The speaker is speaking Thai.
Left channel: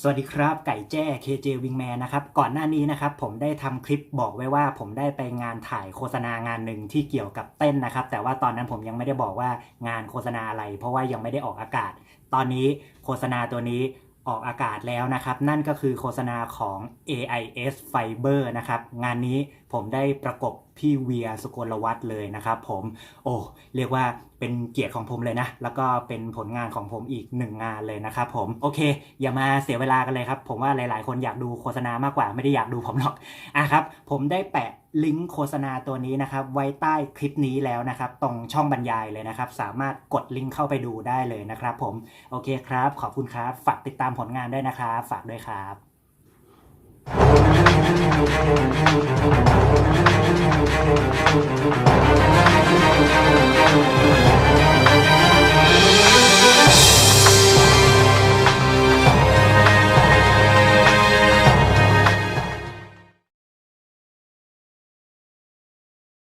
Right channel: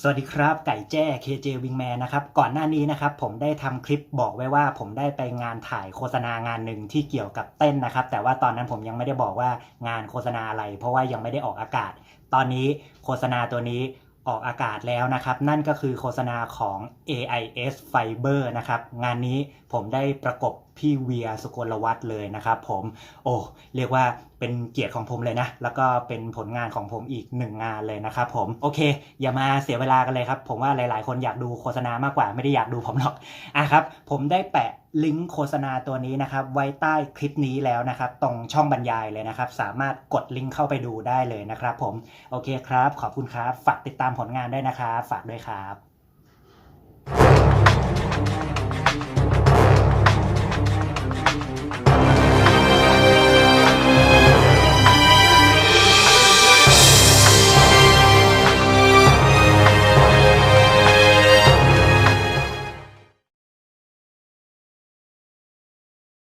สวัสดีครับ ไก่แจ้ KJ Wingman นะครับ ก่อนหน้านี้นะครับ ผมได้ทำคลิปบอกไว้ว่า ผมได้ไปงานถ่ายโฆษณางานหนึ่งที่เกี่ยวกับเต้นนะครับ แต่ว่าตอนนั้นผมยังไม่ได้บอกว่างานโฆษณาอะไร เพราะว่ายังไม่ได้ออกอากาศ ตอนนี้โฆษณาตัวนี้ออกอากาศแล้วนะครับ นั่นก็คือโฆษณาของ AIS Fiber นะครับ งานนี้ผมได้ประกบ พี่เวียสุกลวัฒน์เลยนะครับผมโอ้เรียกว่าเป็นเกียรติของผมเลยนะ แล้วก็เป็นผลงานของผมอีกหนึ่งงานเลยนะครับผมโอเค อย่ามาเสียเวลากันเลยครับ ผมว่าหลาย ๆ คนอยากดูโฆษณามากกว่าไม่ได้อยากดูผมหรอกอะครับ ผมได้แปะลิงก์โฆษณาตัวนี้นะครับ ไว้ใต้คลิปนี้แล้วนะครับ ตรงช่องบรรยายเลยนะครับ สามารถกดลิงก์เข้าไปดูได้เลยนะครับ ผมโอเคครับ ขอบคุณครับฝากติดตามผลงานด้วยนะครับ ฝากด้วยครับ